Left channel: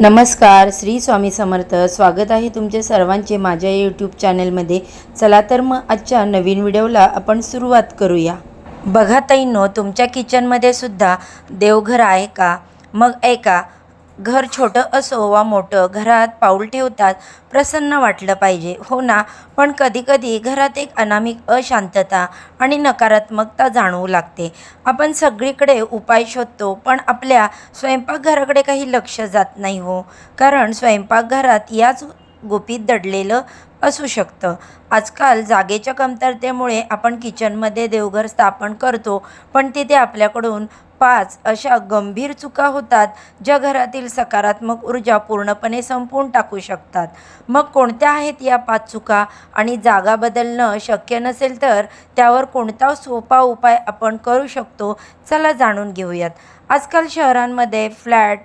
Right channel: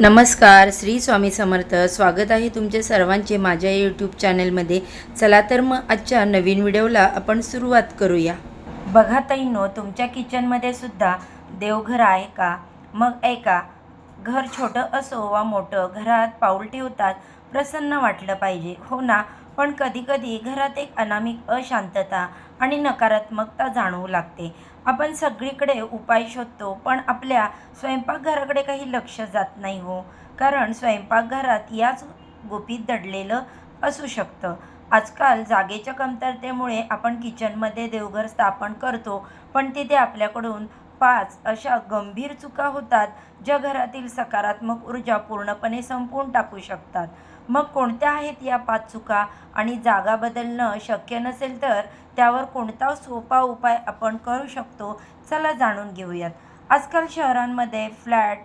नमस्कार, श्री स्वामी समर्थ. स्वागत आहे तुमचे सर्वांचे माझ्या यूट्यूब चॅनलमध्ये. चला तर मग आजच्या नवीन व्हिडिओला आपण सुरुवात करूया. बघा ताईंनो, तुमच्या किचनमध्ये सुद्धा देवघर आहे का? मग ऐका, घर छोटं असो वा मोठं, घरात पाऊल ठेवतात प्रसन्न वाटलं पाहिजे, हो ना? पण कधीकधी घरात एक अनामिक अशांतता आणि नकारात्मकता जाणवू लागते. आपण सगळीकडे उपाय शोधतो, पण आपल्या स्वयंपाकघराकडे काही लक्ष जात नाही हो. कारण स्वयंपाकघरात याच गुपित दडलेलं असू शकतं. आजकाल जागेच्या कमतरतेमुळे आपण किचनमध्ये देवघर स्थापन करतो, पण तिथे आपल्याकडून 5 अशा गंभीर चुका होतात, ज्या घरातील सकारात्मक ऊर्जा पूर्णपणे संपवून टाकू शकतात. मग कोणत्या आहेत या 5 चुका? आणि जागा बदलणं शक्य नसेल तर त्यावर कोणता सोपा उपाय आपण करू शकतो? चला जाणून घेऊयात. आजकाल शहरांमध्ये फ्लॅट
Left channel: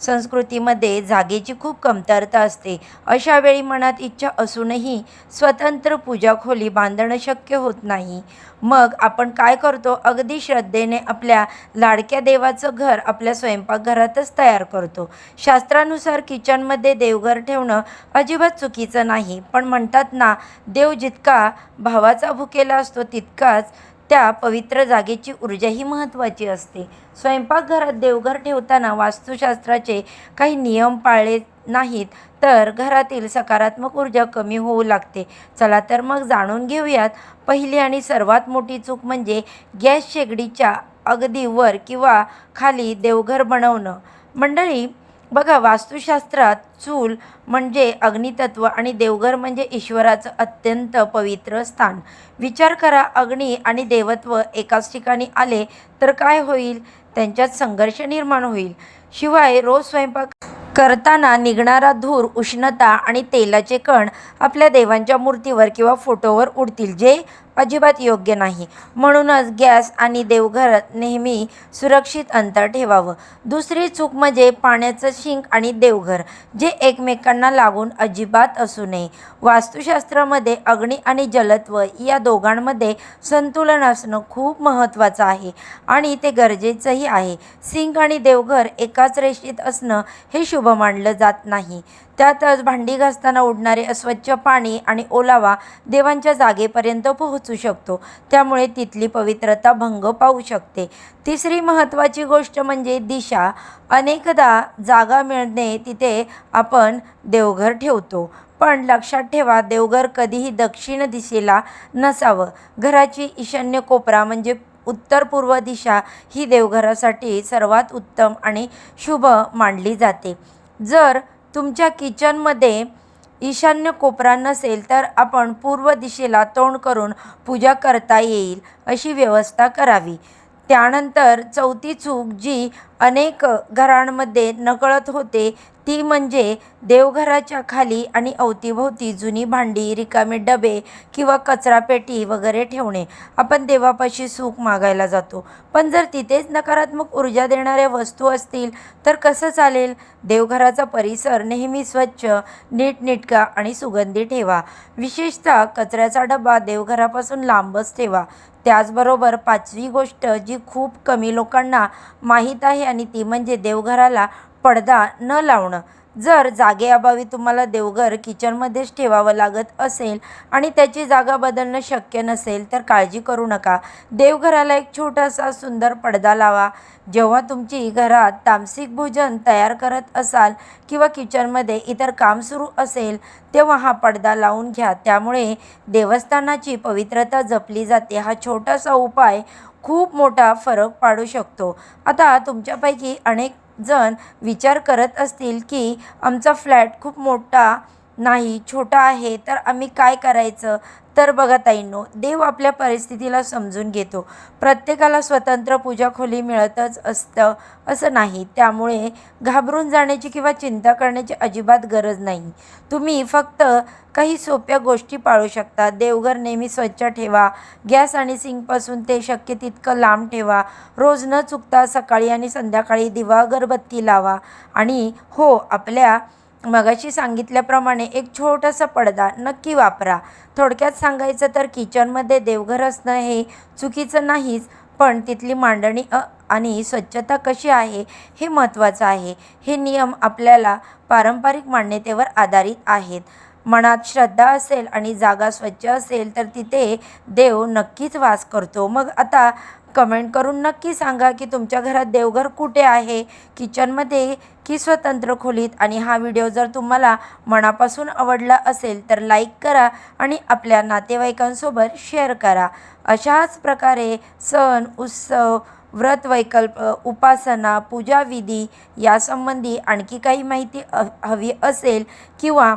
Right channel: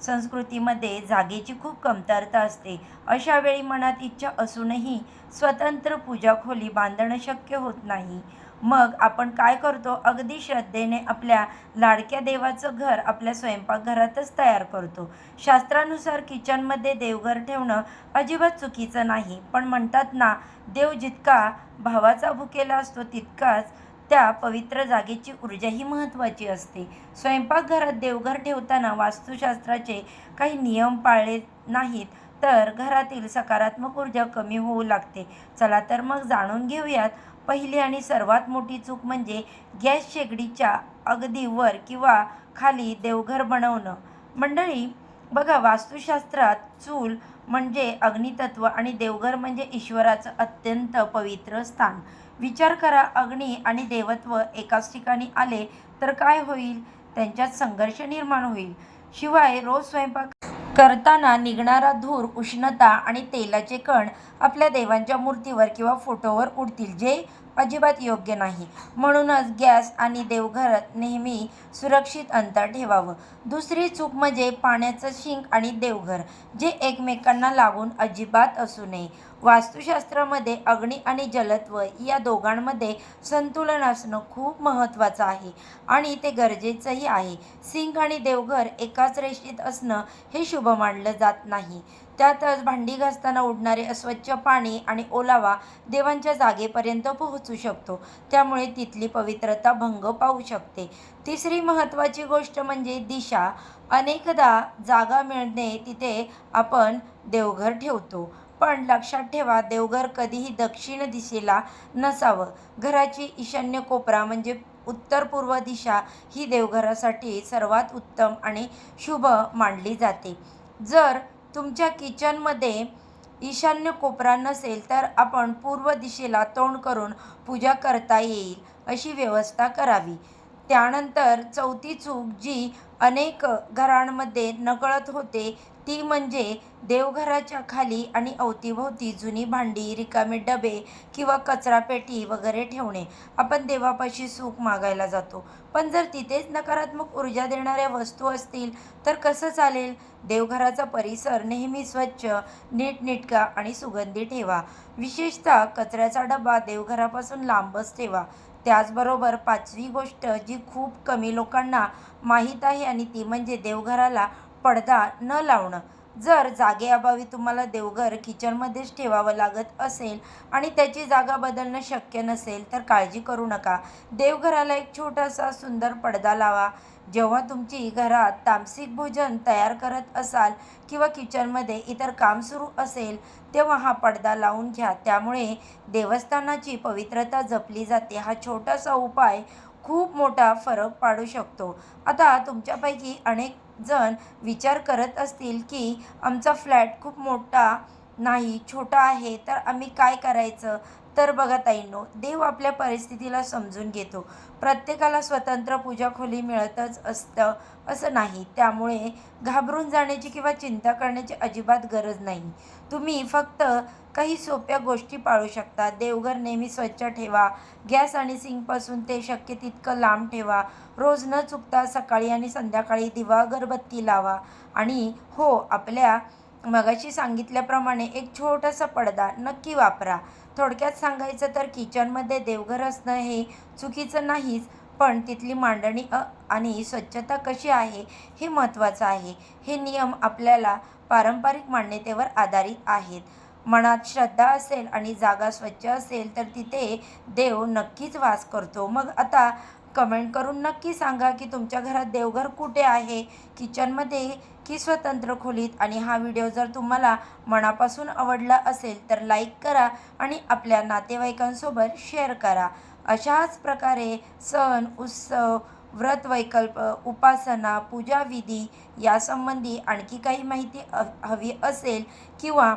संस्कृतीमध्ये जागेची खूप कमतरता असते. अशा वेळी मनात इच्छा असूनही स्वतंत्र पूजा खोली बांधणं शक्य होत नाही. मग आपण काय करतो? अगदी श्रद्धेने आपल्या लाडक्या देवाचं घर आपल्या स्वयंपाकघरातच तयार करतो. शास्त्रानुसार किचनमध्ये देवघर ठेवणं अजिबात चुकीचं नाही, पण म्हणतात ना, देव जितका भावाचा भुकेला असतो तितकाच त्या पवित्र जागेची ऊर्जाही महत्त्वाची असते. स्वयंपाकघरात देवघर ठेवताना वास्तुशास्त्राचे काही नियम पाळले नाहीत तर घरातील सकारात्मक ऊर्जा कमी होऊ लागते. चला तर मग जाणून घेऊयात. पहिली आणि सर्वात मोठी चूक म्हणजे गॅस शेगडीच्या अगदी वर किंवा खाली देवघर बनवणं. मंडळी, बघा, वास्तुशास्त्रात चूल म्हणजे अग्नितत्व आणि देवघर म्हणजे ईश्वराचं अत्यंत पवित्र स्थान. विचार करा, अग्नी आणि देवत्व एकाच ठिकाणी आले तर काय होईल? त्यांच्यात संघर्ष निर्माण होईल. शिवाय रोज स्वयंपाक करताना निघणारा धूर, उष्णता आणि तेलाचे कण आपल्या देवांच्या मूर्तीवर किंवा फोटोवर उडतील, जे अजिबात योग्य नाही. म्हणूनच गॅस आणि देवघरात नेहमी सुरक्षित अंतर ठेवावं. दुसरी चूक म्हणजे पाण्याचं शिंक आणि देवघर, जे एकमेकांना लागून अजिबात असू नये. वास्तुशास्त्रामध्ये अग्नी आणि जलत्व या दोघांमध्ये संतुलन असणं खूप महत्त्वाचं आहे आणि ते गरजेचंही आहे. सिंक आणि देवघर एकाच रेषेत असणं हे शुभ मानलं जात नाही. त्यातच भांडी घासताना उडणारे अस्वच्छ पाणी आणि ओलावा देवांच्या जागेपर्यंत पोहोचू शकतो, त्यामुळे तिथली पवित्रता भंग पावू शकते. तिसरी महत्त्वाची गोष्ट म्हणजे दिशा. अनेकदा जागा मिळणे तिथे आपण देवघर ठेवतो, पण लक्षात ठेवा, देवघर कधीही दक्षिण दिशेला नसावं. घराची ईशान्य कोपरा म्हणजे उत्तर पूर्व दिशा ही देवघरासाठी सर्वात उत्तम आणि शुभ मानली जाते. जर तुमच्या किचनमध्ये ईशान्य कोपरा नसेल तर आपण पूर्व दिशेला तोंड करून पूजा करता येईल अशी व्यवस्था करावी. त्यानंतर चौथी चूक जी अनेक घरांमध्ये नकळत होते ती म्हणजे देवघराच्या खाली आणि अवतीभोवती जुनी भांडी, रिकामे डबे किंवा कचरापेटी वगैरे ठेवणे. आपण देवापाशी सुख मागायला जातो, पण जर तिथेच नकारात्मक ऊर्जा देणाऱ्या वस्तू असतील तर कसं चालेल? देवघराचा परिसर नेहमी स्वच्छ, नीटनेटका आणि सुगंधी ठेवा. विशेषतः कचऱ्याचा डबा देवघरापासून लांबच ठेवा. त्याचबरोबर 5वी गोष्ट जी खूप कमी लोकांना माहीत आहे आणि ती म्हणजे देवघराला पडदा न लावणं. जर जागेअभावी तुम्हाला देवघर किचनमध्येच ठेवावं लागत असेल आणि त्याची जागा बदलणं शक्य नसेल तर काळजी करू नका. देवघराला एक छोटासा सुंदर पडदा लावा. जेव्हा तुमची घरात तामसिक भोजन तयार करत असाल किंवा किचनमध्ये इतर काम सुरू असेल तेव्हा हा पडदा लावून घ्या. त्यामुळे देवस्थानाची पवित्रता जपली जाते. हा छोटासा उपाय खूप मोठा फरक पाडू शकतो. आता तुमच्यापैकी अनेक जण विचार करत असतील की आमचा फ्लॅट खूप मोठा नाही, छोटा आहे, तर आम्ही काय करायचं? तर बघा ताईंनो, देव आपल्या परिस्थितीला समजून घेतो. प्रत्येकाला स्वतंत्र पूजा खोली मिळतच असतं असं नाही. त्यामुळे घाबरून जाण्याची किंवा चिंता करण्याची अजिबात गरज नाही. तुम्ही फक्त काही सोप्या गोष्टी पाळू शकता. देवघर नेहमी स्वच्छ ठेवा. गॅस आणि सिंकपासून ते शक्य तितकं लांब ठेवा. रोज न चुकता सकाळी आणि संध्याकाळी दिवा अगरबत्ती लावा. आणि हो, आपल्या मगाशी सांगितल्याप्रमाणे एक छोटासा पडदा नक्की वापरा. थोडक्यात सांगायचं तर किचनमध्ये देवघर असणं हे चुकीचं नाहीच, पण तिथली मांडणी आणि स्वच्छता कशी आहे हे महत्त्वाचं आहे. हे नियम आपल्याला पारंपरिक मान्यतेवर आधारित आहेत. मनात श्रद्धा असेल आणि जागा स्वच्छ असेल तर तिथे देव नक्कीच वास करतो. मग आता कमेंट करून नक्की सांगा की तुमच्या घरात देवघर कुठे आहे, किचनमध्ये की स्वतंत्र खोलीत. आणि हा व्हिडिओ जर तुम्हाला मनापासून आवडला असेल तर लाईक करा आणि आपल्या नातेवाईकांसोबत शेअर करा. अशाच प्रकारे सण, उत्सव, व्रत, वैकल्प, उपासना, पूजाविधी यासंबंधी आणखी काही माहिती हवी असेल किंवा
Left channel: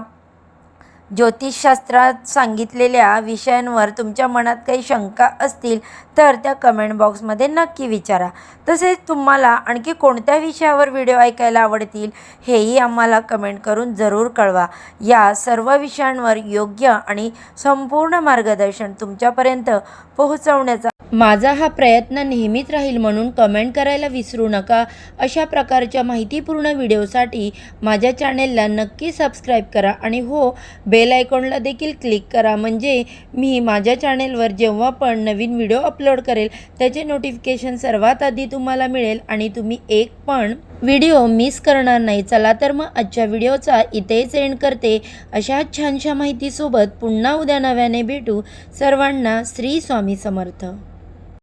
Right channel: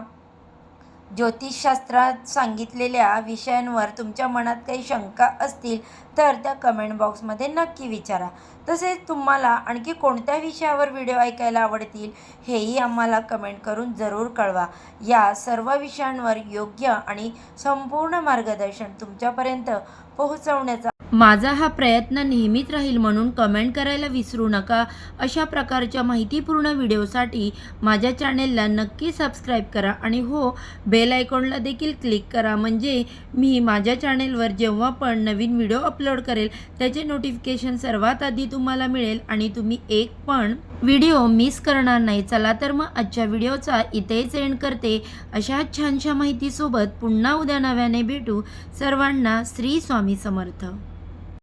ज्योतिषशास्त्रात सांगितलेल्या विषयांवर तुमच्या मनात काही शंका असतील तर त्या कमेंट बॉक्समध्ये नक्की विचारा. तसेच तुम्हाला आणखी कोणत्या विषयावर व्हिडिओ ऐकायला आवडतील हेही आम्हाला कमेंट करून जरूर कळवा. या सर्व विषयांवर योग्य आणि संपूर्ण मार्गदर्शन तुमच्यापर्यंत पोहोचवण्याचा माझा हा प्रयत्न नेहमीच राहील, म्हणून कमेंट करायला विसरू नका. अशा प्रकारच्या माहितीपूर्ण व्हिडिओसाठी माझ्या चॅनेलला नक्की सबस्क्राईब करा आणि हो, बेल आयकॉनला देखील क्लिक करा, म्हणजे मी माझ्या चॅनेलवर जेव्हा पण नवीन व्हिडिओ अपलोड करेल त्याचे नोटिफिकेशन सर्वात आधी तुम्हाला मिळेल आणि तुम्ही एक पण व्हिडिओ मिस करणार नाही. चला तर मग आजच्या व्हिडिओचा इथेच एंड करते. अशा छानशा माहितीसोबत पुन्हा उद्या नव्याने भेटू. सर्वांना श्री स्वामी समर्थ.